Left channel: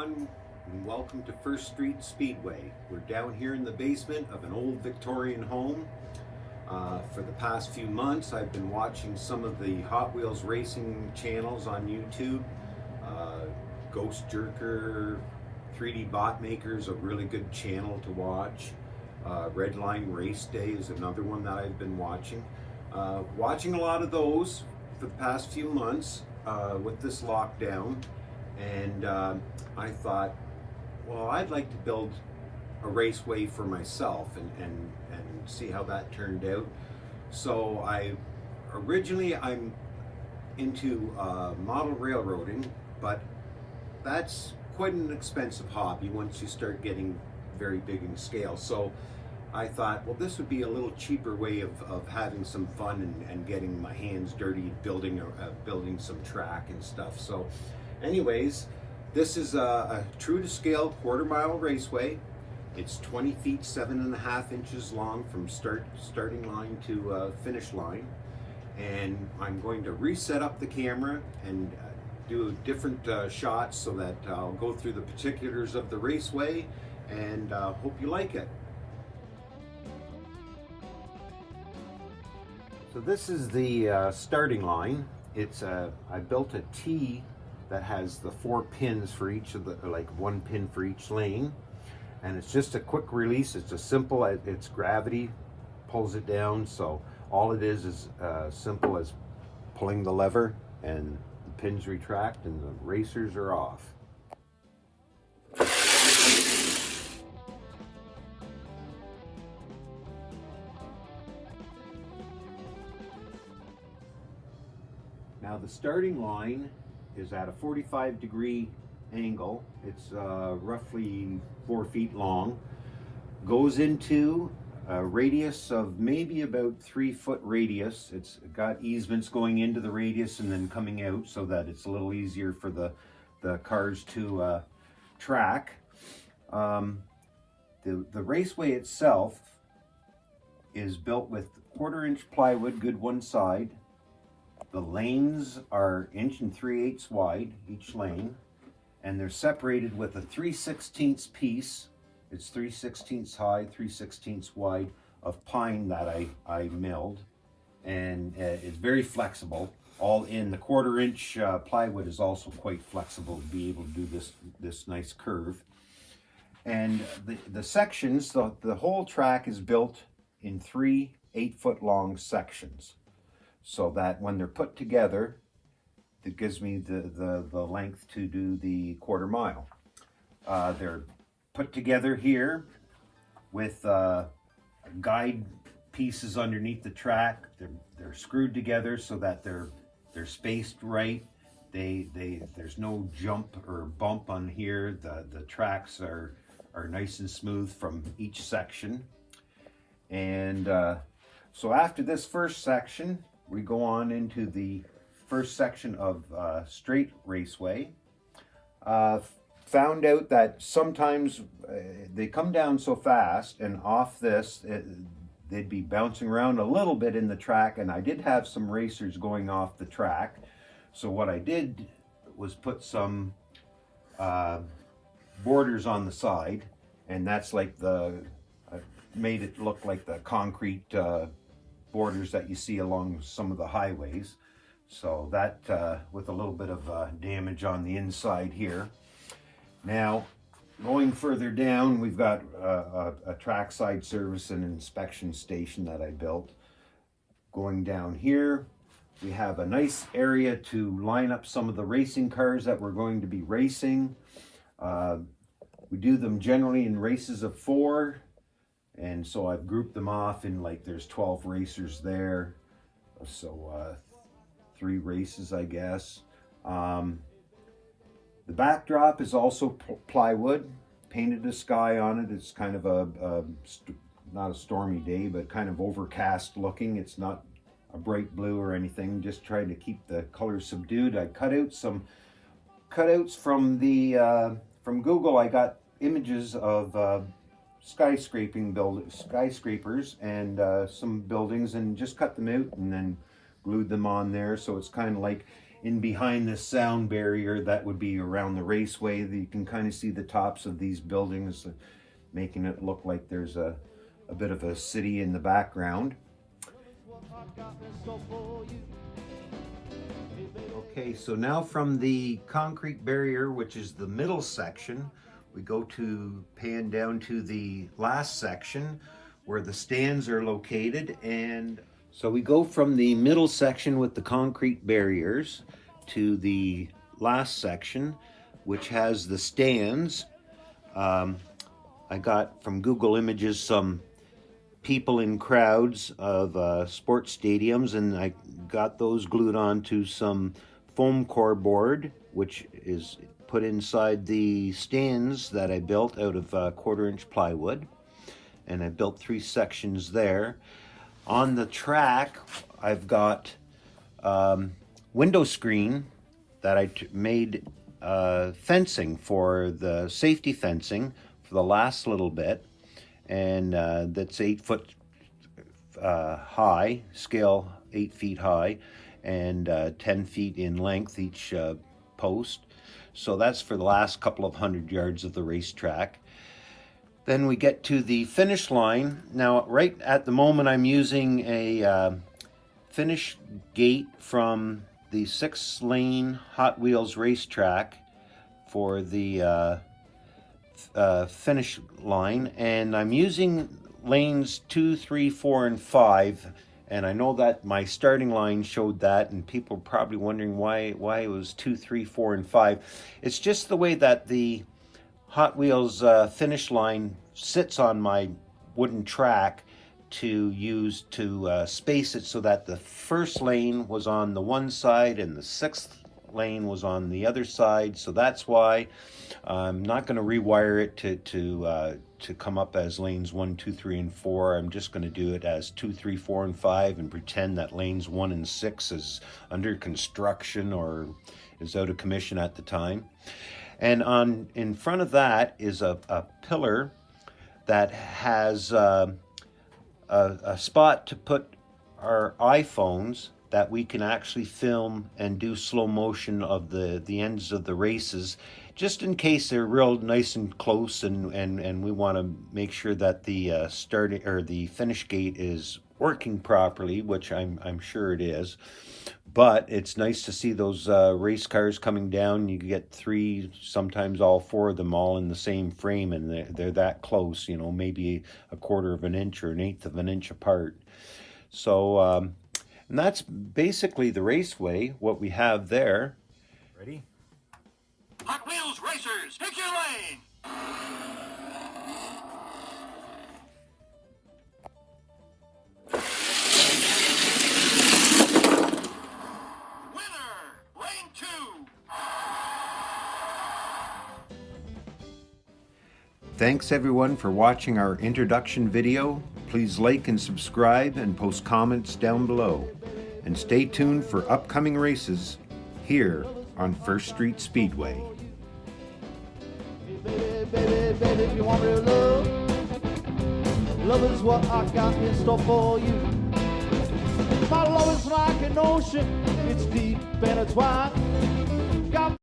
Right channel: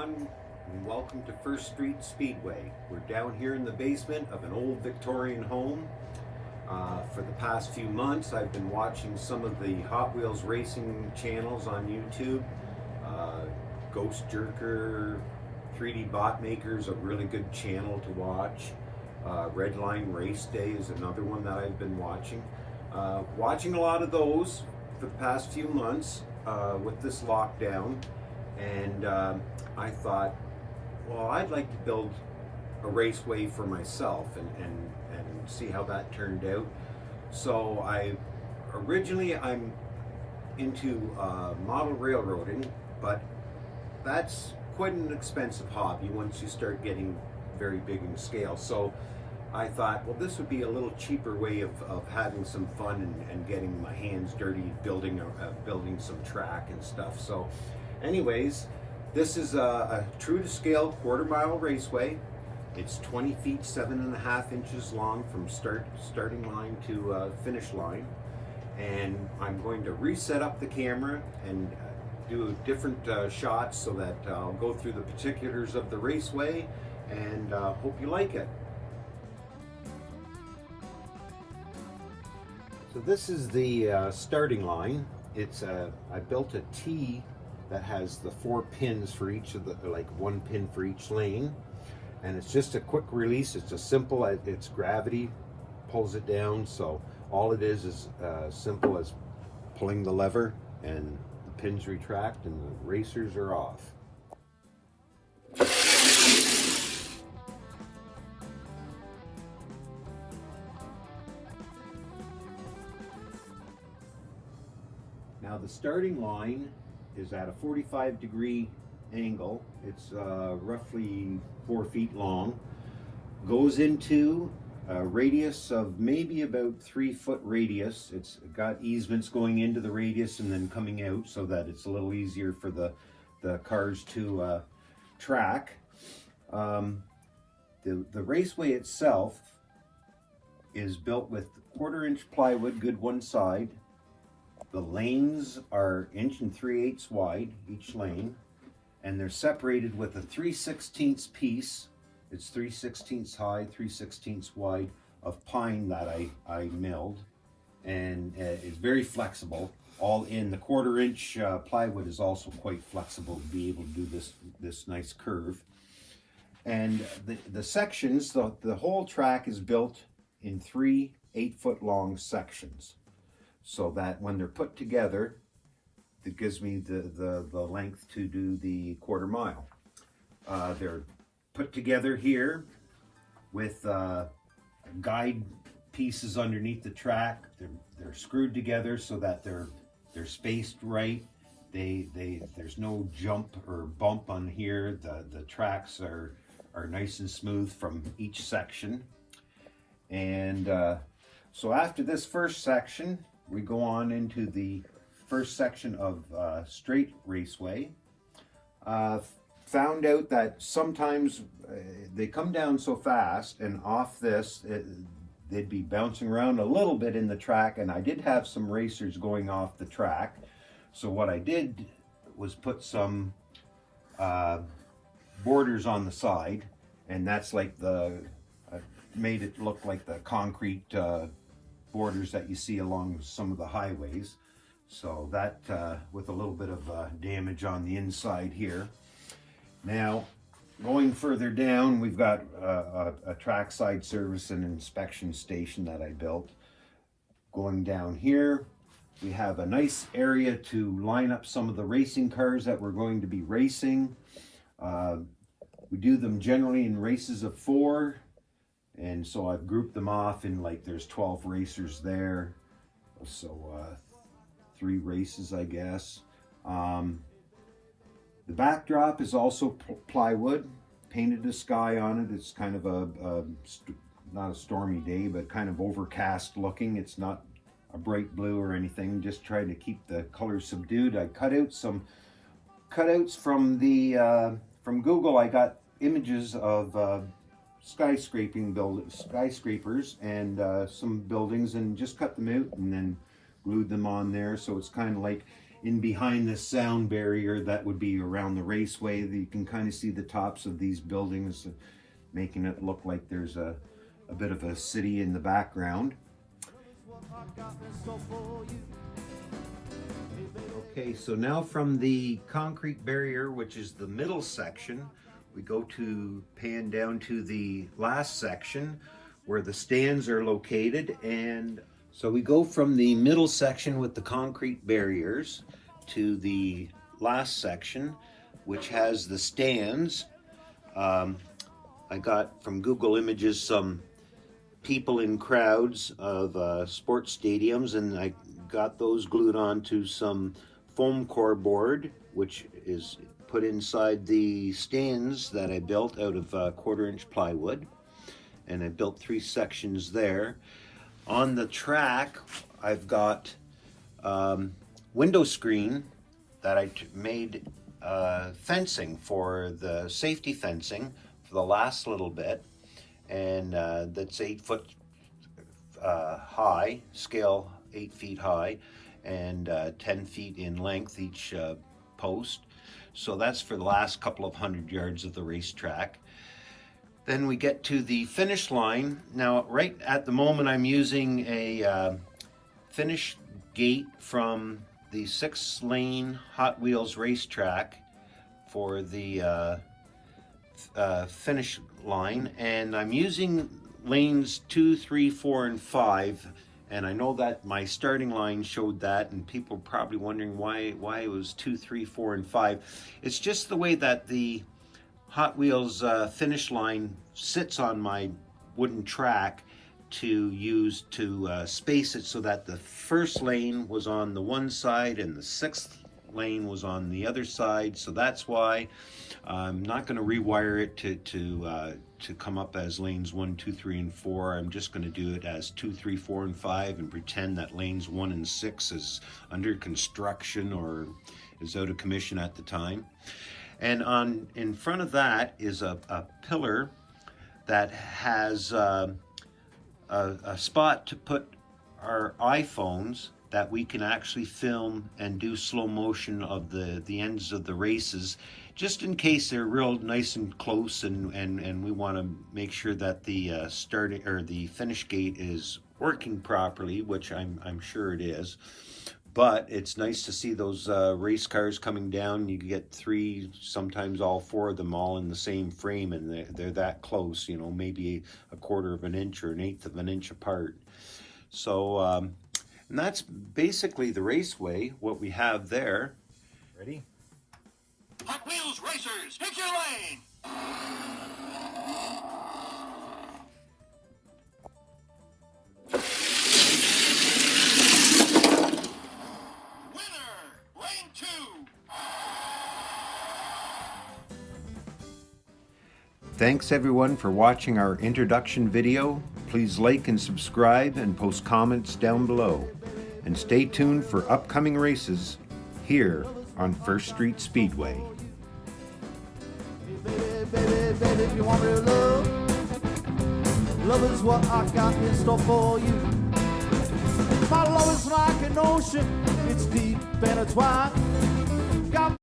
everyone, and welcome to First Street Speedway. We're down here in the basement of an old Victorian home. For the past few months, I've been watching some of the Hot Wheels racing channels on YouTube. Ghost Jerker, 3D Bot Maker's a really good channel to watch. Redline Race Day is another one that I've been watching. Watching a lot of those for the past few months with this lockdown. And I thought, well, I'd like to build a raceway for myself and see how that turned out. So I'm into model railroading, but that's quite an expensive hobby once you start getting very big in scale. So I thought, well, this would be a little cheaper way of having some fun and getting my hands dirty building some track and stuff. So anyways, this is a true to scale quarter-mile raceway. It's 20 feet 7.5 inches long from starting line to finish line. And I'm going to reset up the camera and do different shots so that I'll go through the particulars of the raceway and hope you like it. So this is the starting line. I built a T that has the 4 pins for each of the, like 1 pin for each lane. And it's just a quick release. It's a simple, it's gravity pulls it down. So all it is simple as pulling the lever and the pins retract and the racers are off. Now the starting line is at a 45-degree angle. It's roughly 4 feet long. Goes into a radius of maybe about 3 foot radius. It's got easements going into the radius and then coming out so that it's a little easier for the cars to track. The raceway itself is built with 1/4-inch plywood, good one side. The lanes are 1 3/8 inches wide, each lane, and they're separated with a 3/16 piece. It's 3/16 high, 3/16 wide of pine that I milled, and it's very flexible. All in the 1/4-inch plywood is also quite flexible to be able to do this nice curve. And the sections, the whole track is built in 3 8-foot-long sections, so that when they're put together, it gives me the length to do the 1/4 mile. They're put together here with guide pieces underneath the track. They're screwed together so that they're spaced right. There's no jump or bump on here. The tracks are nice and smooth from each section. And so after this first section, we go on into the first section of straight raceway. Found out that sometimes they come down so fast, and off this they'd be bouncing around a little bit in the track, and I did have some racers going off the track. So what I did was put some borders on the side, and that's like I made it look like the concrete borders that you see along some of the highways. So that with a little bit of damage on the inside here. Now going further down, we've got a trackside service and inspection station that I built. Going down here, we have a nice area to line up some of the racing cars that we're going to be racing. We do them generally in races of 4. And so I've grouped them off in, like, there's 12 racers there. So 3 races, I guess. The backdrop is also plywood. Painted a sky on it. It's kind of not a stormy day, but kind of overcast looking. It's not a bright blue or anything. Just trying to keep the colors subdued. I cut out some cutouts from from Google. I got images of skyscrapers and some buildings, and just cut them out and then glued them on there. So it's kind of like, in behind this sound barrier that would be around the raceway. You can kind of see the tops of these buildings, making it look like there's a bit of a city in the background. Okay, so now from the concrete barrier, which is the middle section, we go to pan down to the last section where the stands are located. And so we go from the middle section with the concrete barriers to the last section, which has the stands. I got from Google Images some people in crowds of sports stadiums, and I got those glued onto some foam core board, which is put inside the stands that I built out of 1/4-inch plywood. And I built 3 sections there. On the track, I've got window screen that I made fencing for the safety fencing for the last little bit, and that's 8 foot high, scale 8 feet high, and 10 feet in length each post. So that's for the last couple of 100 yards of the racetrack. Then we get to the finish line. Now, right at the moment, I'm using a finish gate from the 6-lane Hot Wheels racetrack for the finish line, and I'm using lanes 2, 3, 4, and 5. And I know that my starting line showed that, and people are probably wondering why it was 2, 3, 4, and 5. It's just the way that the Hot Wheels finish line sits on my wooden track to use to space it so that the first lane was on the one side and the 6th lane was on the other side. So that's why I'm not going to rewire it to come up as lanes 1, 2, 3, and 4. I'm just going to do it as 2, 3, 4, and 5 and pretend that lanes 1 and 6 is under construction or is out of commission at the time. And in front of that is a pillar that has a spot to put our iPhones that we can actually film and do slow motion of the ends of the races, just in case they're real nice and close, and we want to make sure that the starting or the finish gate is working properly, which I'm sure it is. But it's nice to see those race cars coming down. You get 3, sometimes all 4 of them all in the same frame, and they're that close, you know, maybe 1/4 of an inch or 1/8 of an inch apart. So, and that's basically the raceway, what we have there. Ready? Hot Wheels racers, pick your lane! Thanks everyone for watching our introduction video. Please like and subscribe and post comments down below. And stay tuned for upcoming races here on First Street Speedway. Baby, if you want real love, love is what I got in store for you. My love is like an ocean, it's deep and it's wide.